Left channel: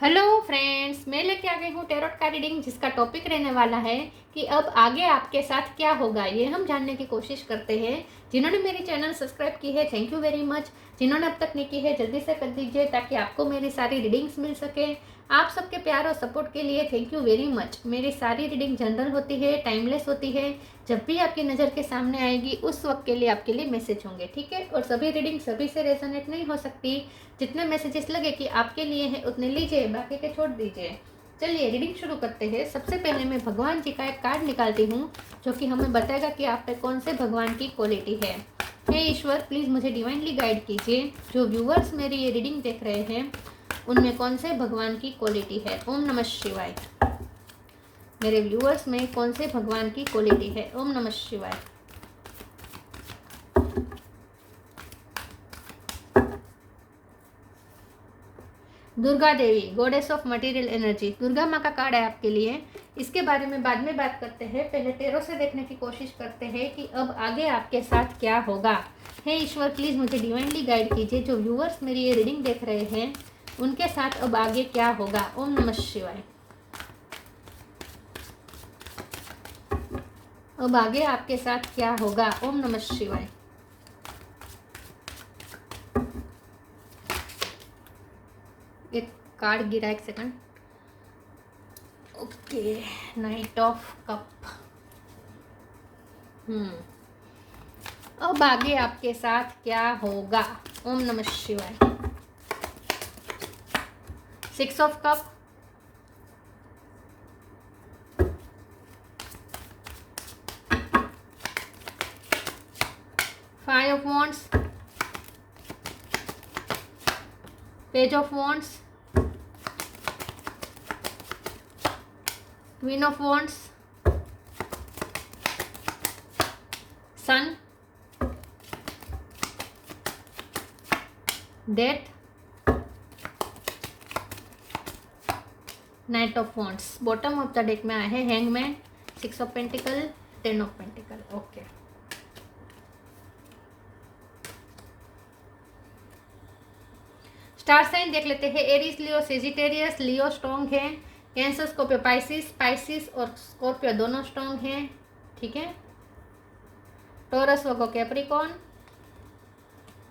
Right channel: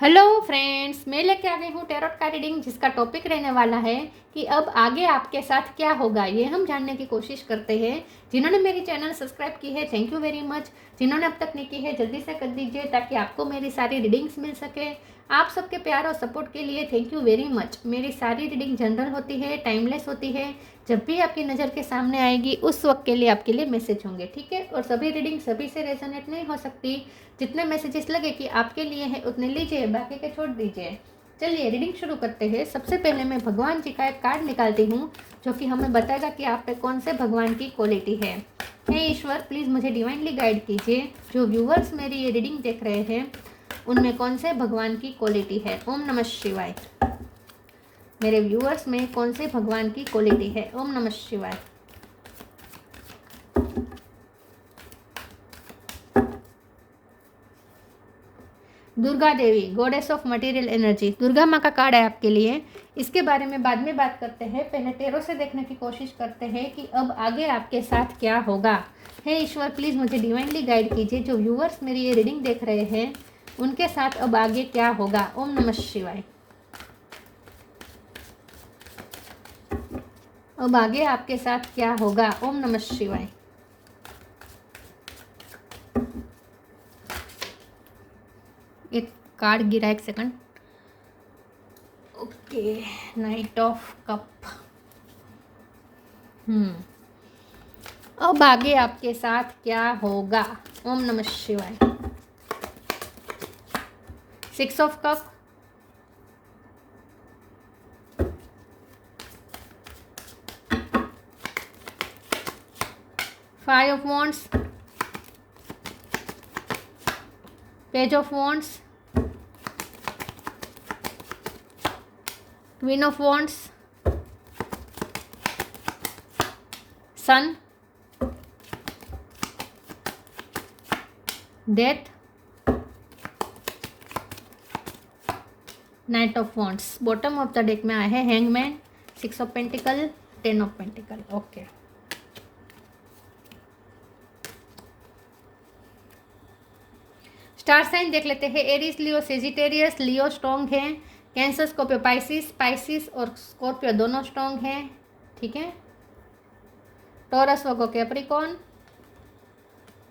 Hello friends, मैं लेके आ गई हूँ टैरोट का रीडिंग, जिसका टॉपिक रहने वाला है कि अब आगे आपके साथ क्या होगा। ये हम जानने की कोशिश करते हैं। जिन्होंने मेरी चैनल सब्सक्राइब की है, थैंक यू वेरी मच। जिन्होंने अब तक नहीं की है, जल्दी से कर दीजिए ताकि आपको मेरी सारी रीडिंग्स मिल सके। आप सबके प्यार और सपोर्ट के लिए थैंक यू वेरी मच। मेरी सारी रीडिंग जनरल होती है, टाइमलेस होती है। जब भी आपकी नज़र के सामने आएगी उस वक्त के लिए आपके लिए मैसेज होंगे, ठीक है। और सभी रीडिंग सभी से रेजोनेट नहीं हो सकती। जितने मैसेजेस लगे कि आपके लिए हैं उतने लीजिए, बाकी के छोड़ दीजिए। चलिए रीडिंग शुरू करते हैं। सबसे पहले मैं भगवान जी का एक कार्ड निकालती हूँ, जो कि हमें बताएगा कि आप पे कौन से भगवान की क्वालिटी है। हे ईश्वर, प्लीज़ मुझे डिवाइनली गाइड कीजिए। जो व्यूअर्स मेरी ये रीडिंग देख रहे हैं उनमें कौन से भगवान की क्वालिटी है। ओम नमः शिवाय। मेरे व्यूअर्स में कौन से भगवान की क्वालिटी है। ओम नमः शिवाय। Durga Devi, goddess of material energy. Durga माँ का कार्ड है आपके लिए। इसके बारे में बाद में बात करते हैं। पहले टैरो से देखने की कोशिश करते हैं कि अब आगे आपके साथ क्या होगा। हे ईश्वर, प्लीज़ मुझे डिवाइनली गाइड कीजिए। जो व्यूअर्स मेरी ये रीडिंग देख रहे हैं उनके साथ अब आगे क्या होगा। ओम नमः शिवाय। अब आगे आपके साथ क्या होगा। ओम नमः शिवाय। एक कार्ड गिरा, एक second. Okay, night of cup. अब आगे आपके साथ क्या होगा। ओम नमः शिवाय। 6 of cup, 5 of wands, page of wands, queen of wands, sun, death, knight of wands. Bottom of the deck में आए हैं hangman, 6 of pentacle, 10 of pentacle. Okay, star sign देख लेते हैं। Aries, Leo, Sagittarius. Leo strong है। Cancer, Scorpio, Pisces. Pisces और Scorpio दोनों strong हैं, ठीक है। Taurus, Virgo, Capricorn.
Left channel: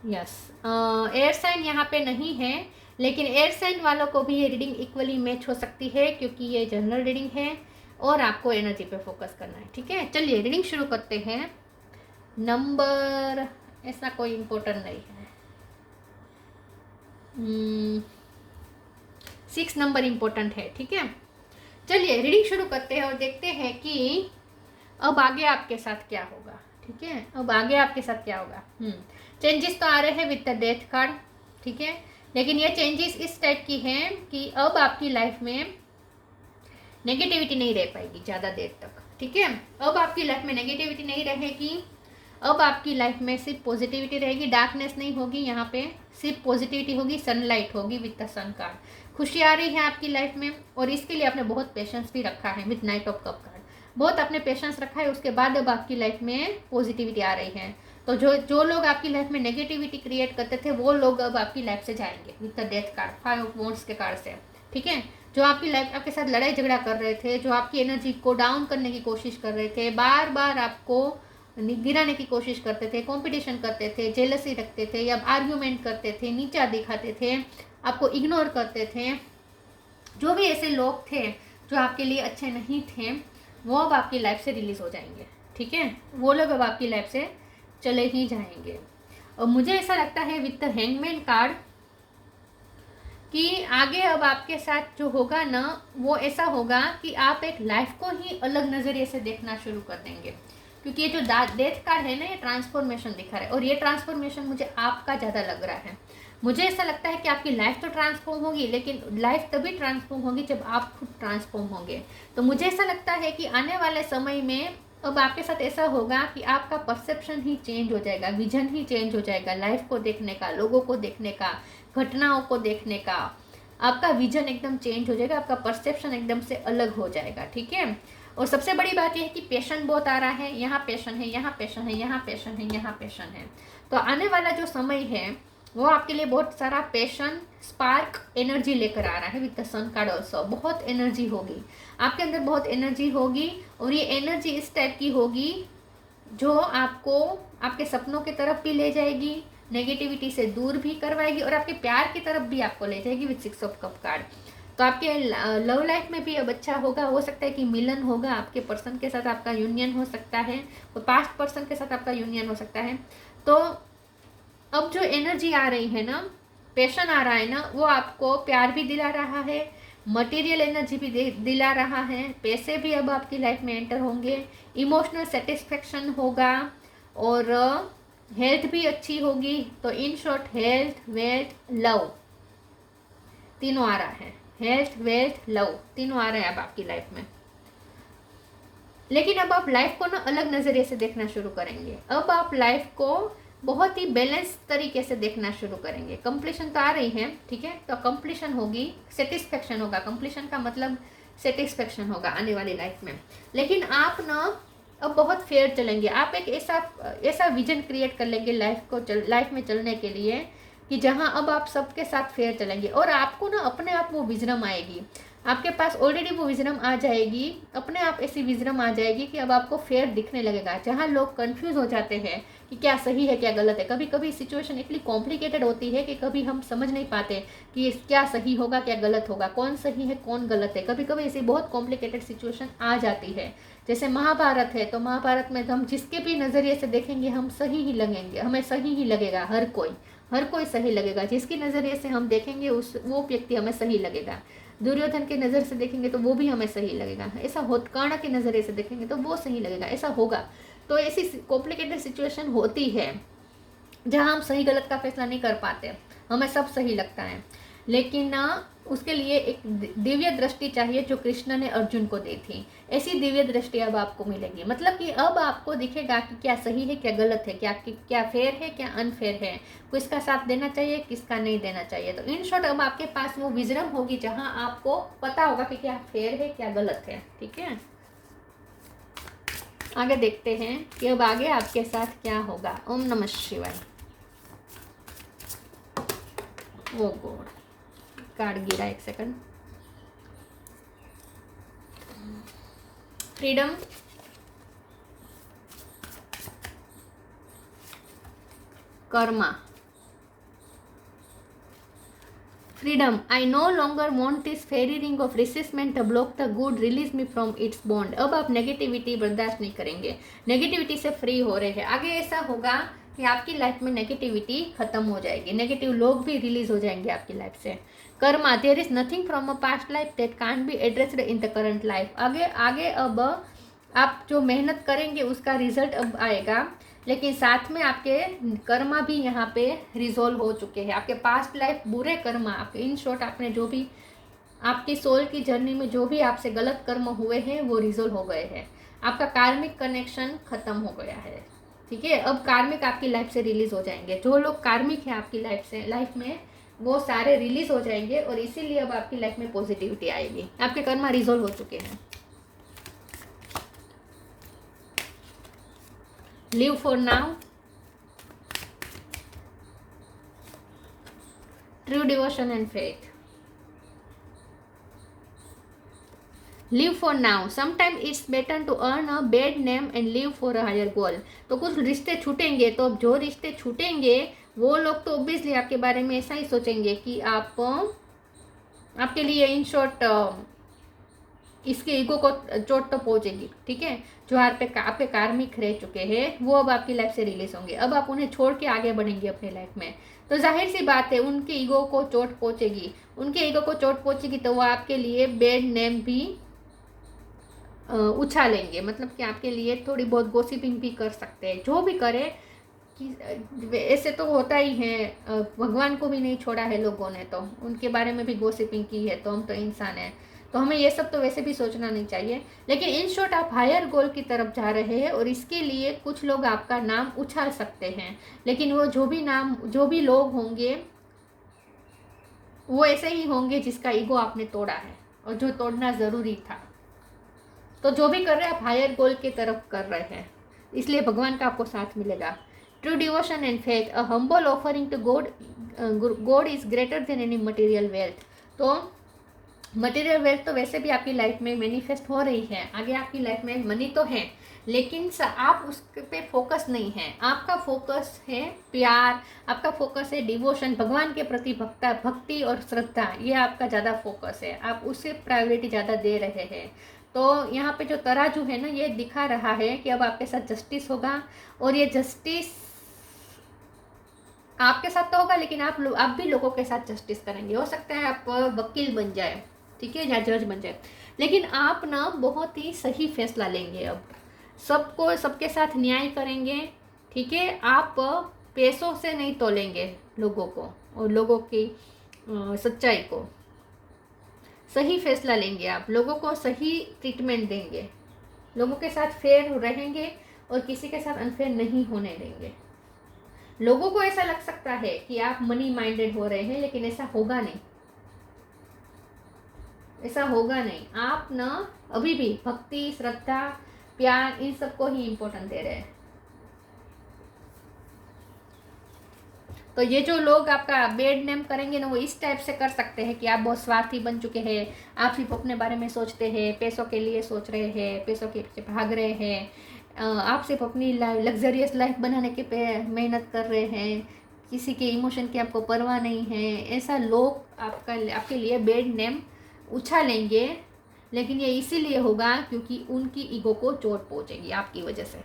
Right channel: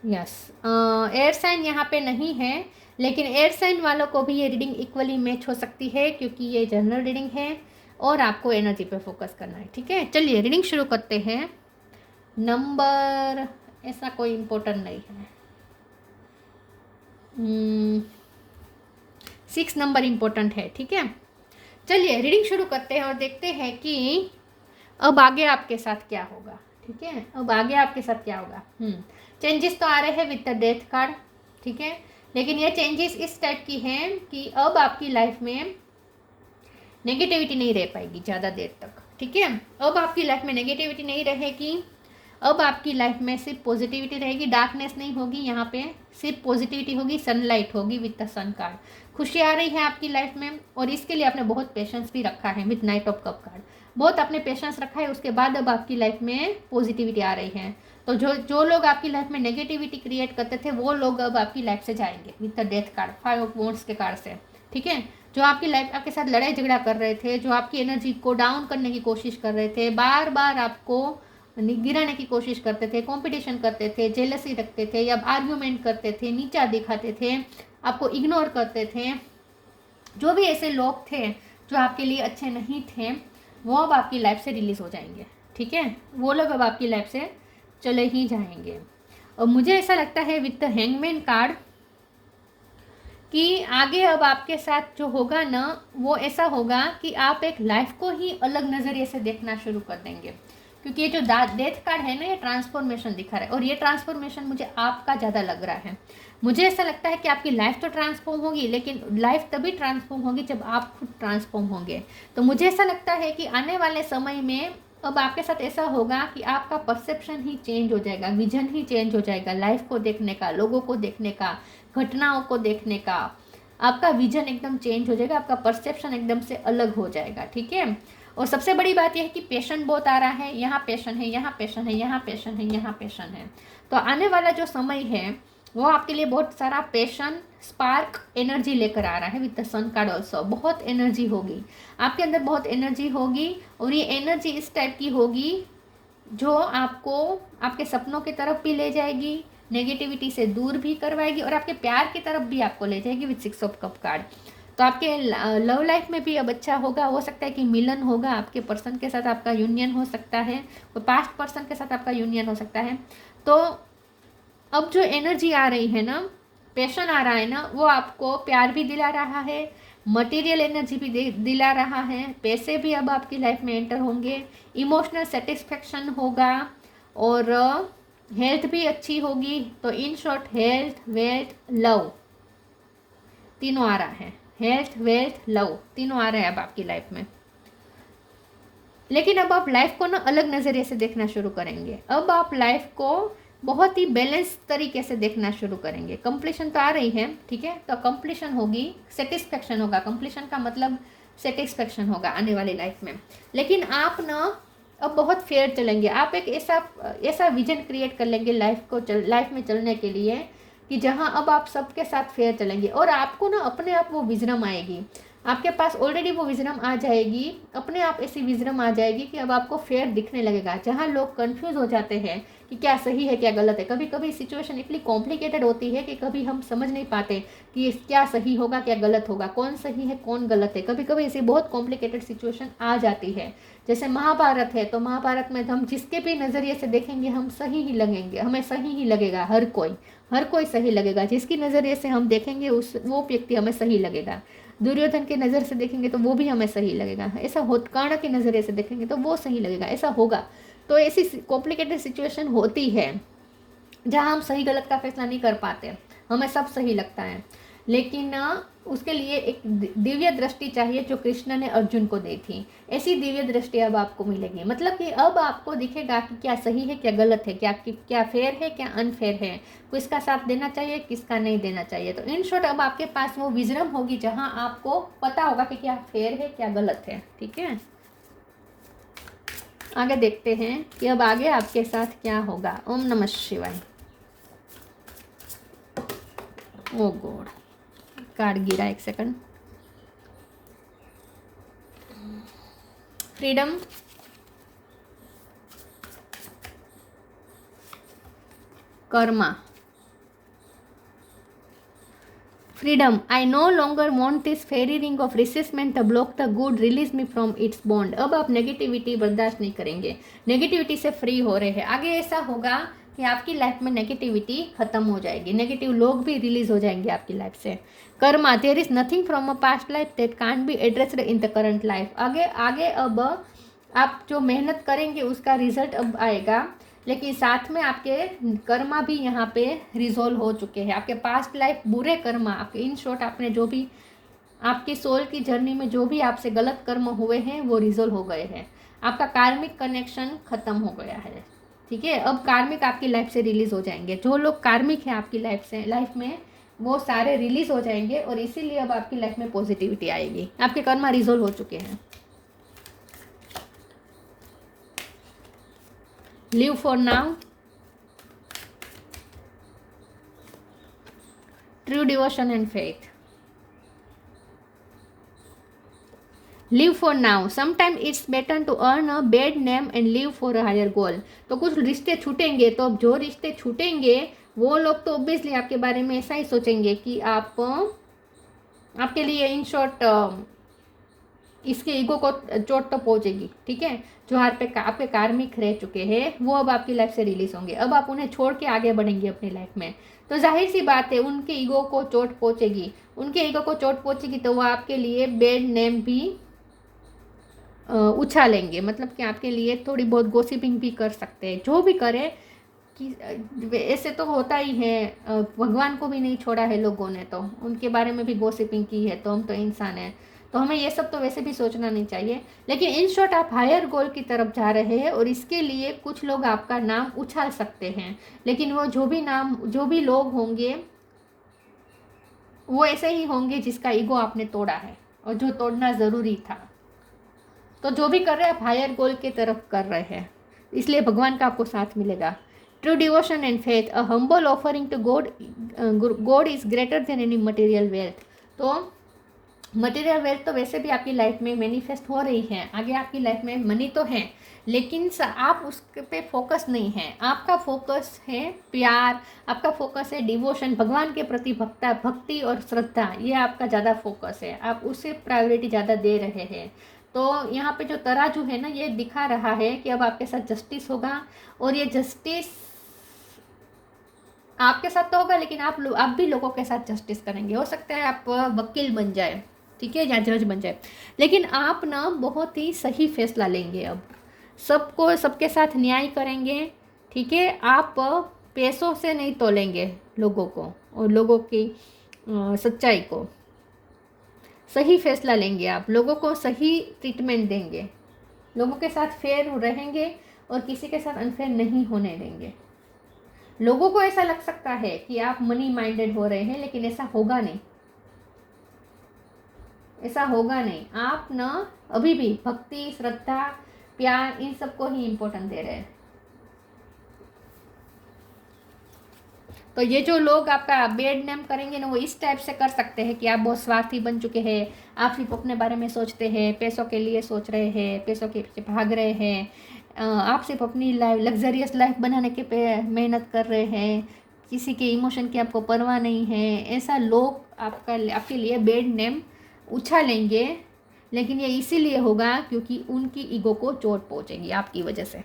Yes, air sign यहाँ पे नहीं है, लेकिन एयर साइन वालों को भी ये रीडिंग इक्वली मैच हो सकती है, क्योंकि ये जनरल रीडिंग है और आपको एनर्जी पे फोकस करना है, ठीक है। चलिए रीडिंग शुरू करते हैं। नंबर ऐसा कोई इम्पोर्टेंट नहीं है। 6 नंबर इम्पोर्टेंट है, ठीक है। चलिए रीडिंग शुरू करते हैं और देखते हैं कि अब आगे आपके साथ क्या होगा, ठीक है। अब आगे आपके साथ क्या होगा। चेंजेस तो आ रहे हैं विद द डेथ कार्ड, ठीक है। लेकिन ये चेंजेस इस टाइप की हैं कि अब आपकी लाइफ में नेगेटिविटी नहीं रह पाएगी ज़्यादा देर तक, ठीक है। अब आपकी लाइफ में नेगेटिविटी नहीं रहेगी। अब आपकी लाइफ में सिर्फ पॉजिटिविटी रहेगी, डार्कनेस नहीं होगी। यहाँ पे सिर्फ पॉजिटिविटी होगी, सनलाइट होगी विद द सन कार्ड। खुशी आ रही है आपकी लाइफ में, और इसके लिए आपने बहुत पेशेंस भी रखा है with night of cup card. बहुत आपने पेशेंस रखा है, उसके बाद अब आपकी लाइफ में पॉजिटिविटी आ रही है। तो जो लोग आपकी लाइफ में नेगेटिविटी क्रिएट करते थे वो लोग अब आपकी लाइफ से जाएंगे with the death card, 5 of wands के कार्ड से, ठीक है। जो आपकी लाइफ आपके साथ लड़ाई झगड़ा कर रहे थे, जो आपकी एनर्जी को डाउन करने की कोशिश कर रहे थे, बार बार आपको गिराने की कोशिश करते थे, कंपटीशन करते थे, जेलसी रखते थे या आर्ग्यूमेंट करते थे, नीचा दिखाते थे, आपको इग्नोर करते थे, जो भी ऐसे लोग थे जो आपके लिए अच्छे नहीं थे, वो अब आपकी लाइफ से रिलीज हो जाएंगे, ठीक है। वो लोग अब आपकी लाइफ से चले ही जाएंगे। और मुझे ऐसा लगता है विद द हैंगमैन कार्ड कि आगे अब आपके साथ जो होगा ना, वो ऐसा होगा कि आप एक लाइफ को ही अलग नज़रिए से देखना शुरू कर देंगे। क्योंकि ये जो डेथ कार्ड है ना, ये ट्रांसफॉर्मेशन दिखा रहा है, और ये ट्रांसफॉर्मेशन मुझे आपका ज़्यादा लग रहा है। मुझे ऐसा लगता है कि आपकी लाइफ तो ट्रांसफॉर्म होगी, लेकिन लाइफ तभी ट्रांसफॉर्म होगी जब आप खुद ट्रांसफॉर्म होंगे। तो मुझे ऐसा लगता है कि आने वाले समय में अब आपके साथ ऐसा होगा कि आपका परसेप्शन ही चेंज हो जाएगा, विजन ही चेंज हो जाएगा, लाइफ को देखने का, लोगों को देखने का, घटनाओं को देखने का। आपका विजन एकदम चेंज हो जाएगा, आपका परसेप्शन एकदम से अलग हो जाएगा, ठीक है। और सबसे बड़ी बात यह है कि पैशन बहुत आ रहा है। यहाँ पैशन है, यहाँ पैशन है, यहाँ पैशन है, यहाँ पैशन है। तो आने वाला जो समय है वो आपके लिए बहुत सारा पैशन, स्पार्क एनर्जी लेकर आ रहा है with the sun card also. बहुत एनर्जी होगी आपके अंदर, बहुत एनर्जी होगी, और ये एनर्जी इस टाइप की होगी जो आपको आपके सपनों की तरफ भी ले जाएगी, नेगेटिविटी से दूर भी करवाएगी, और आपके प्यार की तरफ भी आपको ले जाएगी विद 6 ऑफ कप कार्ड। तो आपके लव लाइफ में भी अब अच्छा होगा, हो सकता है कि मिलन होगा, आपके पर्सन के साथ आपका यूनियन हो सकता है, तो पास्ट पर्सन के साथ आपका यूनियन हो सकता है। तो अब जो एनर्जी आ रही है ना, पैशन आ रहा है ना, वो आपको प्यार भी दिला रहा है, मटेरियल एनर्जी भी दिला रहा है, पैसे भी अब आपकी लाइफ में एंटर होंगे, इमोशनल सेटिस्फेक्शन होगा, और हेल्थ भी अच्छी होगी। तो in short health, wealth, love तीनों आ रहा है। हेल्थ, वेल्थ, लव तीनों आ रहे हैं अब आपकी लाइफ में। लेकिन अब आप लाइफ को ना अलग नज़रिए से देखना शुरू करेंगे। अब आप लाइफ को बहुत ही बैलेंस तरीके से देखना शुरू करेंगे। कंप्लीशन तो आ रही है, ठीक है, तो कंप्लीशन होगी, सेटिस्फेक्शन होगा। कंप्लीशन का मतलब सेटिस्फेक्शन होगा आने वाली लाइफ में। लेकिन आप ना अब बहुत फेयर चलेंगे। आप एक ऐसा विजन क्रिएट कर लेंगे लाइफ में चलने के लिए कि जहां अब आप सबके साथ फेयर चलेंगे, और आपको ना अपने आप वो विजडम आएगी। आपके पास ऑलरेडी वो विजडम आ जाएगी, अपने आप ऐसी विजडम आ जाएगी कि अब आपको फेयर दिखने लगेगा। जहाँ लोग कंफ्यूज हो जाते हैं कि क्या सही है क्या गलत है, कभी कभी सिचुएशन इतनी कॉम्प्लिकेटेड होती है कि कभी हम समझ नहीं पाते कि क्या सही होगा क्या गलत होगा, कौन सही है कौन गलत है। कभी कभी ऐसी बहुत कॉम्प्लिकेटेड सिचुएशन आ जाती है। जैसे महाभारत है, तो महाभारत में हम जिसके भी नज़रिए से देखेंगे हम सही ही लगेंगे, हमें सही ही लगेगा। हर कोई सही लगेगा। जिसकी नज़रिए से हम देखेंगे वो व्यक्ति हमें सही लगेगा। दुर्योधन की नज़र से देखेंगे तो वो भी हमें सही लगेगा। ऐसा कर्ण के नज़रिए से देखेंगे तो वो सही लगेगा, ऐसा होगा। तो ऐसी कॉम्प्लिकेटेड सिचुएशन होती है जहाँ हम सही गलत का फैसला नहीं कर पाते, हमें सब सही लगता है। लेकिन उसके लिए एक दिव्य दृष्टि चाहिए जो कृष्ण ने अर्जुन को दी थी। ऐसी दिव्य दृष्टि अब आपको मिलेगी। मतलब कि अब आपको दिखेगा कि क्या सही है क्या गलत है, क्या फेयर है क्या अनफेयर है, किसका साथ देना चाहिए किसका नहीं देना चाहिए। तो इन शॉर्ट अब आपके पास वो विजडम होगी जहाँ आपको पता होगा कि क्या फेयर है क्या गलत है। ठीक है, आगे देखते हैं कि अब आगे आपके साथ क्या होगा। ओम नमः शिवाय। ओ गॉड, कार्ड गिरा, एक second. Freedom, karma, freedom. I no longer want this fairy ring of resentment block the good, release me from its bond. अब आप नेगेटिविटी बर्दाश्त नहीं करेंगे, नेगेटिविटी से फ्री हो रहे हैं। आगे ऐसा होगा कि आपकी लाइफ में नेगेटिविटी खत्म हो जाएगी, नेगेटिव लोग भी रिलीज हो जाएंगे आपकी लाइफ से। Karma, there is nothing from a past life that can't be addressed in the current life. आगे अब आप जो मेहनत करेंगे उसका रिजल्ट अब आएगा, लेकिन साथ में आपके कर्मा भी यहाँ पे रिजोल्व हो चुके हैं। आपके पास्ट लाइफ बुरे कर्मा, आपके इन शॉर्ट आपने जो भी आपकी सोल की जर्नी में जो भी आपसे गलत कर्म हुए हैं वो रिजोल्व हो गए हैं। आपका कार्मिक कनेक्शन खत्म हो गया है। ठीक है, अब कार्मिक आपकी लाइफ से रिलीज हो जाएंगे। जो लोग कार्मिक हैं आपकी लाइफ में वो सारे रिलीज हो जाएंगे, और इसीलिए अब आपकी लाइफ में पॉजिटिविटी आएगी। आपके कर्मा रिजोल्व हो चुके हैं। Live for now, true devotion and faith. Live for now, sometime it's better to earn a bad name and live for a higher goal. तो कुछ रिश्ते छूटेंगे, तो जो रिश्ते छूटेंगे वो लोग तो ऑब्वियसली आपके बारे में ऐसा ही सोचेंगे कि आपके लिए इन शॉर्ट इसके ईगो को चोट तो पहुंचेगी। ठीक है, जो आपके कार्मिक रह चुके हैं वो अब आपकी लाइफ से रिलीज होंगे। अब आप उन्हें छोड़ के आगे बढ़ेंगे अपनी लाइफ में, तो जाहिर सी बात है उनके ईगो को चोट पहुंचेगी। उनके ईगो को चोट पहुंचेगी तो वो आपके लिए बैड नेम भी उछालेंगे। मतलब कि आपके लिए थोड़ी बहुत गॉसिपिंग भी कर सकते हैं। जो भी करे कि ऐसे तो होता ही है, भगवान को भी नहीं छोड़ा है लोगों ने, तो उनके बारे में भी गॉसिपिंग की है। तो हम तो इंसान हैं, तो हमें ये सब तो वैसे भी सोचना नहीं चाहिए। लेकिन इन शॉर्ट आप हायर गोल की तरफ जा रहे हैं, और इसके लिए कुछ लोग आपका नाम उछाल सकते हैं। लेकिन वो जो भी लोग होंगे वो ऐसे ही होंगे जिसका ईगो आपने तोड़ा है और जो तोड़ना ज़रूरी था। तो जो भी कर रहे हैं आप हायर गोल की तरफ कर रहे हैं, इसलिए भगवान का आपको साथ मिलेगा। True devotion and faith, a humble offering to God, God is greater than any material wealth. तो मटेरियल वेल्थ तो वैसे भी आपकी लाइफ में मैनिफेस्ट हो रही है, आगे आपकी लाइफ में मनी तो है, लेकिन आप उस पे फोकस नहीं है। आपका फोकस है प्यार, आपका फोकस है डिवोशन, भगवान के प्रति भक्ति और श्रद्धा, ये आपका ज़्यादा फोकस है, आप उसे प्रायोरिटी ज़्यादा दे रहे हैं। तो यहाँ पे जो तराजू है ना, ये दिखा रहा है कि अब आपके साथ जस्टिस होगा, और ये जस्टिस आपके साथ तो होगा, लेकिन आप भी लोगों के साथ जस्टिस करेंगे। हो सकता है आप वकील बन जाए, ठीक है, या जज बन जाए, लेकिन आप ना बहुत ही सही फैसला लेंगे। अब सबको सबके साथ न्याय करेंगे, ठीक है। आप पैसों से नहीं तोलेंगे लोगों को और लोगों की सच्चाई को, सही फैसला लेंगे। आप लोगों को सही ट्रीटमेंट देंगे, लोगों के साथ फेयर रहेंगे और किसी के साथ अनफेयर नहीं होने देंगे। लोगों को ऐसा लग सकता है कि आप मनी माइंडेड हो रहे हैं, लेकिन ऐसा होगा नहीं, ऐसा होगा नहीं। आप ना अभी भी भक्ति, श्रद्धा, प्यार, इन सबको ही इम्पोर्टेंट दे रहे हैं। तो ये जो लोग आपका बेड नेम करेंगे ना, वो इस टाइप से कर सकते हैं कि आप बहुत स्वार्थी बन चुके हैं, आप सिर्फ अपने बारे में सोचते हैं, पैसों के लिए सोच रहे हैं, पैसों के पीछे भाग रहे हैं, आप सिर्फ अपनी लग्जरियस लाइफ बनाने के पे मेहनत कर रहे हैं, किसी के इमोशन की आपको परवाह नहीं है। ऐसा लोग आपके लिए बेड नेम उछालेंगे, लेकिन ये इसीलिए होगा क्योंकि उनकी ईगो को चोट पहुंचेगी आपकी वजह से।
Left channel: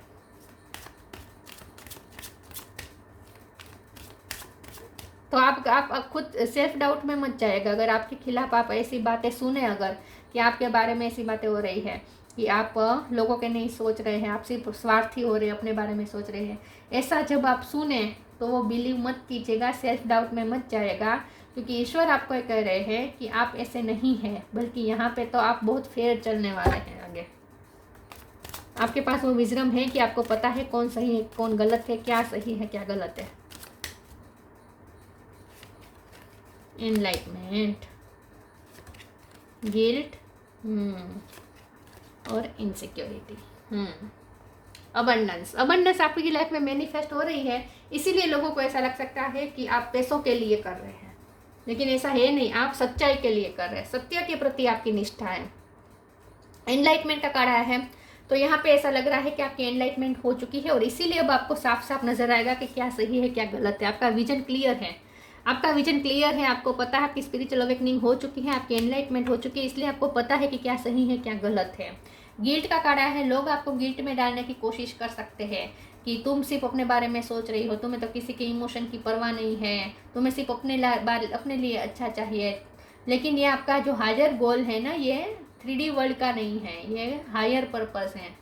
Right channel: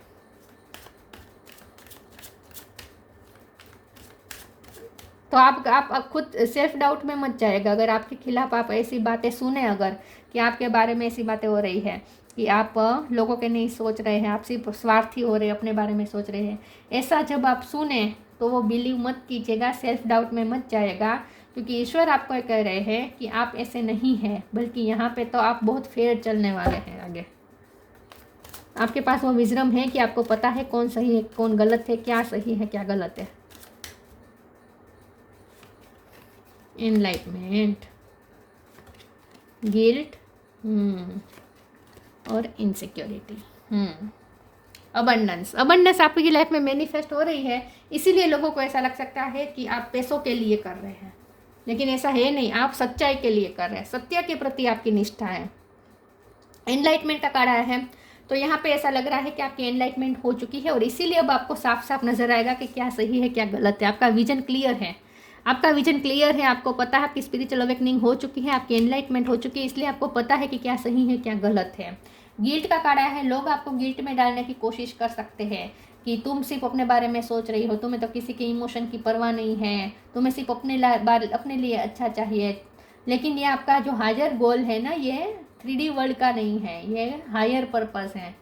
तो आप खुद सेल्फ डाउट में मत जाएगा अगर आपके खिलाफ आप ऐसी बातें सुने, अगर कि आपके बारे में ऐसी बातें हो रही है कि आप लोगों के नहीं सोच रहे हैं, आप सिर्फ स्वार्थी हो रहे हैं, अपने बारे में सोच रहे हैं, ऐसा जब आप सुने तो वो बिलीव मत कीजिएगा, सेल्फ डाउट में मत जाएगा, क्योंकि ईश्वर आपको कह रहे हैं कि आप ऐसे नहीं हैं, बल्कि यहाँ पे तो आप बहुत फेयर चलने वाले हैं। आगे आपके पास वो विजडम है कि आपको पता है कौन सही है कौन गलत है, क्या सही है क्या गलत है। एनलाइटमेंट, गिल्ट और इनसिक्योरिटी, अबंडेंस आपकी लाइफ में मैनिफेस्ट हो रही है, इसीलिए लोगों को ऐसा लग सकता है कि आप पैसों के लिए कर रहे हैं, लेकिन ऐसा है नहीं, आप सच्चाई के लिए कर रहे हैं, सत्य के प्रति आपकी निष्ठा है। एनलाइटमेंट का कार्ड आया है, तो यहाँ पे ऐसा लग रहा है कि आपकी एनलाइटमेंट हो चुकी है, और इसीलिए अब आपको साफ साफ नजर आएगा कि क्या सही है क्या गलत है। आपका विजन क्लियर है, आपका विजन क्लियर है, आपको पता है आपकी स्पिरिचुअल अवेकनिंग हो चुकी है, आपकी एनलाइटमेंट हो चुकी है, इसलिए आपको पता है कि क्या सही है क्या गलत है। गिल्ट का कार्ड आया है, लोग आपको गिल्ट में डालने की कोशिश कर सकते हैं कि तुम सिर्फ अपने बारे में सोच रही हो, तुम्हें तो किसी के इमोशन की परवाह नहीं है, तुम्हें सिर्फ अपने लिए अच्छा चाहिए। लेकिन ये आपका जो हायर गोल है ना, ये 3D वर्ल्ड का नहीं है, ये हायर पर्पस है,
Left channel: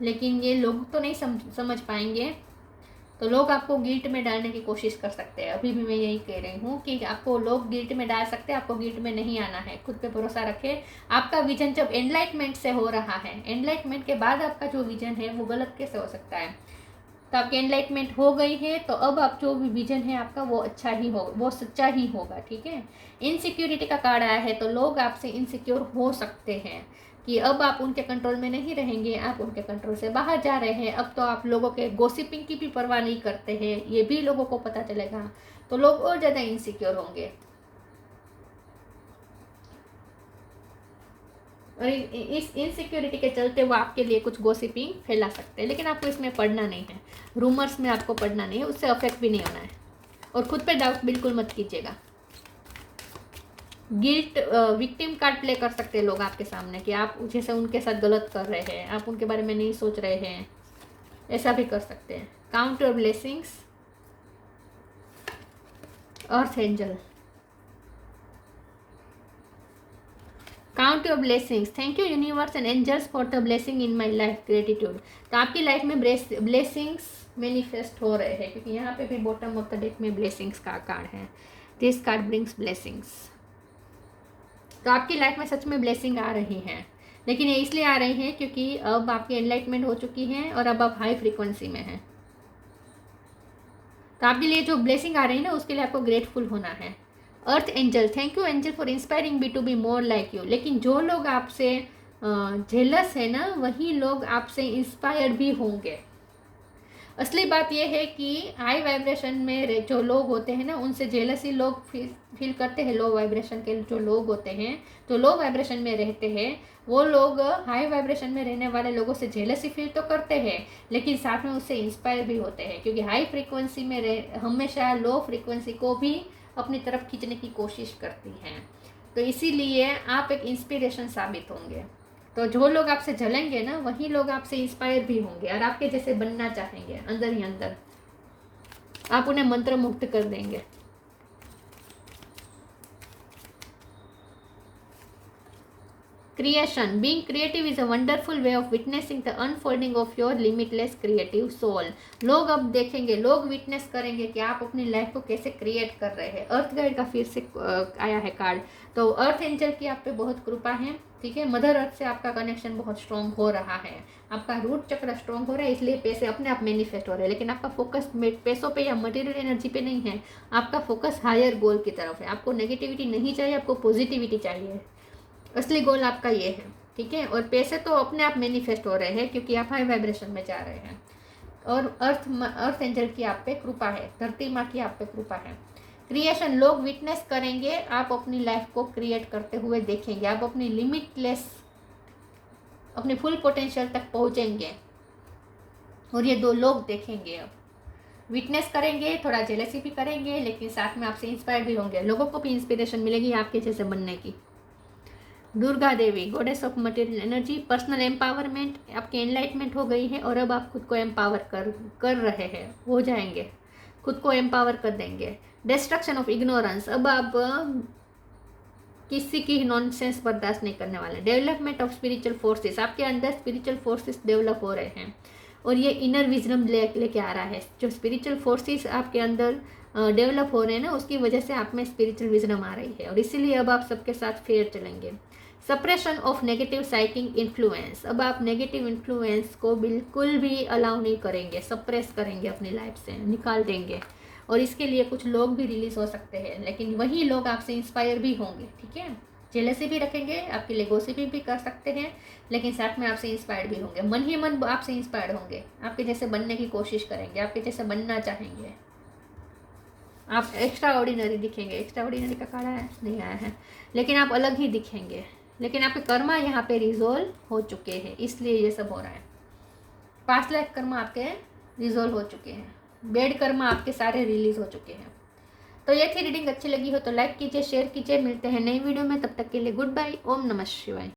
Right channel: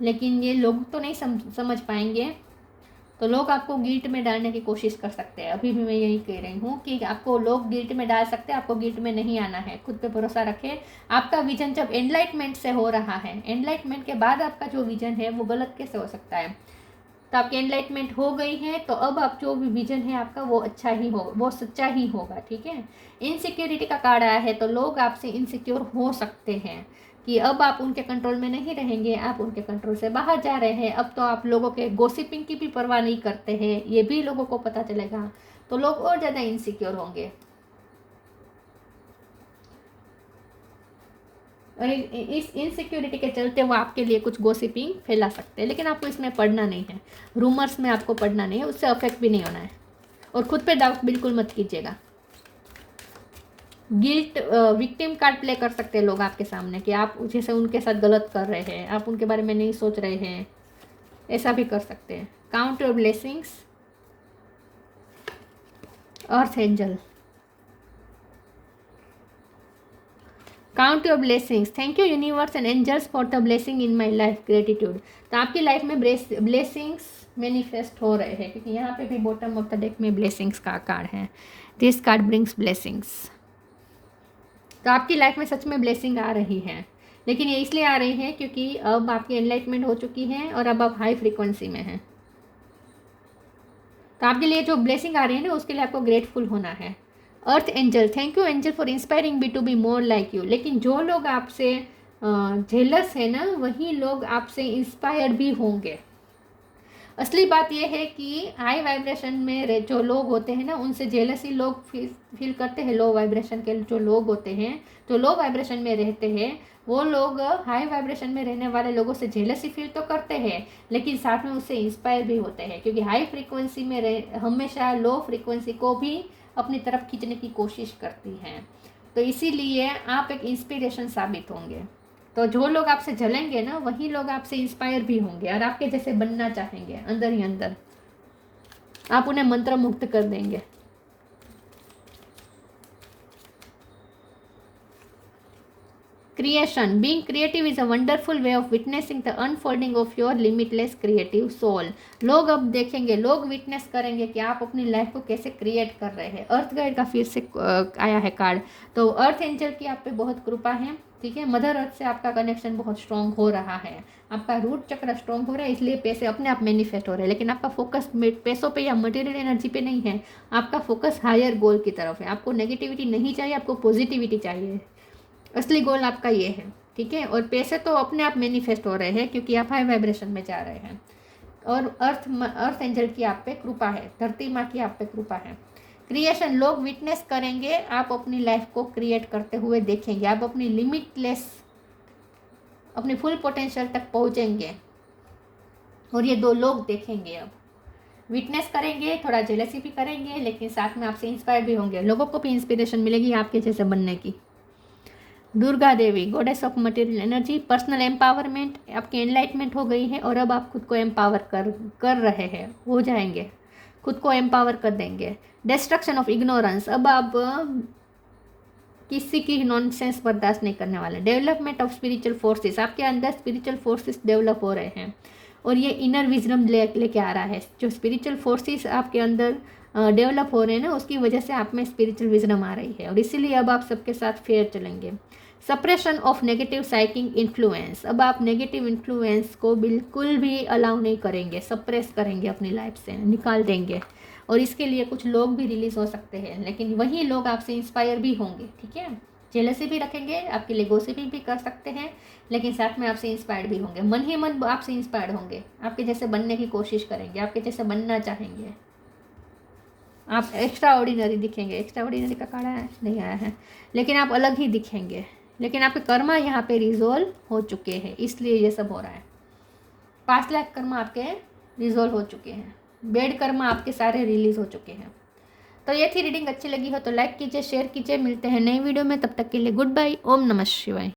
लेकिन ये लोग तो नहीं समझ पाएंगे। तो लोग आपको गिल्ट में डालने की कोशिश कर सकते हैं। अभी भी मैं यही कह रही हूँ कि आपको लोग गिल्ट में डाल सकते हैं, आपको गिल्ट में नहीं आना है, खुद पे भरोसा रखें। आपका विजन जब एनलाइटमेंट से हो रहा है, एनलाइटमेंट के बाद आपका जो विजन है वो गलत कैसे हो सकता है। तो आपकी एनलाइटमेंट हो गई है, तो अब आप जो भी विजन है आपका वो अच्छा ही होगा, वो सच्चा ही होगा, ठीक है। इनसिक्योरिटी का कार्ड आया है, तो लोग आपसे इनसिक्योर हो सकते हैं कि अब आप उनके कंट्रोल में नहीं रहेंगे, आप उनके कंट्रोल से बाहर जा रहे हैं। अब तो आप लोगों के गॉसिपिंग की भी परवाह नहीं करते हैं, ये भी लोगों को पता चलेगा, तो लोग और ज़्यादा इनसिक्योर होंगे। और इस इनसिक्योरिटी के चलते वो आपके लिए कुछ गॉसिपिंग फैला सकते हैं, लेकिन आपको इसमें पढ़ना नहीं है, रूमर्स में आपको पढ़ना नहीं है, उससे अफेक्ट भी नहीं होना है। और खुद पे डाउट बिल्कुल मत कीजिएगा। गिल्ट विक्टिम कार्ड प्ले कर सकते हैं लोग आपके सामने कि आप जैसे उनके साथ गलत कर रहे हैं, आप उनके बारे में नहीं सोच रहे हैं, ऐसा भी कर सकते हैं। Count your blessings, earth angel, count your blessings, thank you universe and angels for the blessing in my life, gratitude. तो आपकी लाइफ में ब्लेसिंग्स मैनिफेस्ट हो रहे हैं, क्योंकि यहाँ पे भी बॉटम ऑफ द डेक में ब्लेसिंग्स का कार्ड है। This card brings blessings. तो आपकी लाइफ में सच में ब्लेसिंग आ रही है, लेकिन ये इसलिए आ रही है क्योंकि अब आपकी एनलाइटमेंट हो चुकी है और अब आप हाई फ्रीक्वेंसी में हैं। तो आपके लिए जो ब्लेसिंग आ रही है ना, उसके लिए आपको ग्रेटफुल होना है। Earth angel, thank you angel for inspiring me to be more like you. लेकिन जो लोग आपसे जेलस है ना, वही लोग आपसे इंस्पायर्ड भी होंगे। असली बात यह है कि हाई वाइब्रेशन में जो लोग होते हैं ना, उनसे जेलसी लोग फील करते हैं। लो वाइब्रेशन के जो लोग होते हैं, जो लो वाइब्रेशन में रहते हैं, वो लोग हाई वाइब्रेशन में रहने वाले लोगों से जेलसी फील तो करते हैं, लेकिन साथ में उससे इंस्पायर भी होते हैं, क्योंकि हाई फ्रीक्वेंसी में हमेशा लो फ्रीक्वेंसी को भी अपनी तरफ खींचने की कोशिश करती हैं। तो इसीलिए आप एक इंस्पिरेशन साबित होंगे। तो जो लोग आपसे जलेंगे ना, वही लोग आपसे इंस्पायर भी होंगे और आपके जैसे बनना चाहेंगे। अंदर ही अंदर आप उन्हें मंत्र मुक्त कर देंगे। Creation. Being creative is a wonderful way of witnessing the unfolding of your limitless creative soul. लोग अब देखेंगे, लोग विटनेस करेंगे कि आप अपनी लाइफ को कैसे क्रिएट कर रहे हैं। अर्थ गाइड का फिर से आया है कार्ड। तो अर्थ एंजल की आप पे बहुत कृपा है, ठीक है। मदर अर्थ से आपका कनेक्शन बहुत स्ट्रांग हो रहा है, आपका रूट चक्र स्ट्रांग हो रहा है, इसलिए पैसे अपने आप मैनिफेस्ट हो रहे हैं। लेकिन आपका फोकस पैसों पे या मटेरियल एनर्जी पे नहीं है, आपका फोकस हायर गोल की तरफ है। आपको नेगेटिविटी नहीं चाहिए, आपको पॉजिटिविटी चाहिए। असली गोल आपका ये है, ठीक है। और पैसे तो अपने आप मैनिफेस्ट हो रहे हैं, क्योंकि आप हाई वाइब्रेशन में जा रहे हैं। और अर्थ एंजल की आप पे कृपा है, धरती माँ की आप पे कृपा है। क्रिएशन, लोग विटनेस करेंगे, आप अपनी लाइफ को क्रिएट करते हुए देखेंगे। आप अपनी लिमिटलेस, अपने फुल पोटेंशियल तक पहुंचेंगे और ये दो लोग देखेंगे। अब विटनेस करेंगे, थोड़ा जेलसी भी करेंगे, लेकिन साथ में आपसे इंस्पायर भी होंगे। लोगों को भी इंस्पिरेशन मिलेगी आपके जैसे बनने की। Durga Devi, goddess of material energy, personal empowerment, आपकी एनलाइटमेंट हो गई है और अब आप खुद को एम्पावर कर रहे हैं, हो जाएंगे, खुद को एम्पावर कर देंगे। डिस्ट्रक्शन ऑफ इग्नोरेंस, अब आप किसी की नॉनसेंस बर्दाश्त नहीं करने वाले। डेवलपमेंट ऑफ स्पिरिचुअल फोर्सेस, आपके अंदर स्पिरिचुअल फोर्सेस डेवलप हो रहे हैं और ये इनर विजडम लेके आ रहा है। जो स्पिरिचुअल फोर्सेस आपके अंदर डेवलप हो रहे हैं ना, उसकी वजह से आप में स्पिरिचुअल विजडम आ रही है और इसीलिए अब आप सबके साथ फेयर चलेंगे। सप्रेशन ऑफ नेगेटिव साइकिंग इन्फ्लुएंस, अब आप नेगेटिव इन्फ्लुएंस को बिल्कुल भी अलाउ नहीं करेंगे, सप्रेस करेंगे, अपनी लाइफ से निकाल देंगे। और इसके लिए कुछ लोग भी रिलीज हो सकते हैं, लेकिन वही लोग आपसे इंस्पायर भी होंगे, ठीक है। जेलसी भी रखेंगे, आपके लिए गॉसिप भी कर सकते हैं, लेकिन साथ में आपसे इंस्पायर्ड भी होंगे। मन ही मन आपसे इंस्पायर्ड होंगे, आपके जैसे बनने की कोशिश करेंगे, आपके जैसे बनना चाहेंगे। आप एक्स्ट्रा ऑर्डिनरी दिखेंगे। एक्स्ट्रा ऑर्डिनरी का कार्ड आया नहीं आया है, लेकिन आप अलग ही दिखेंगे। लेकिन आपके कर्मा यहाँ पे रिजोल्व हो चुके हैं, इसलिए ये सब हो रहा है। 5 लाख कर्मा आपके रिजोल्व हो चुके हैं, बेड कर्मा आपके सारे रिलीज हो चुके हैं। तो ये थी रीडिंग। अच्छी लगी हो तो लाइक कीजिए, शेयर कीजिए। मिलते हैं नई वीडियो में, तब तक के लिए गुड बाय। ओम नमः शिवाय।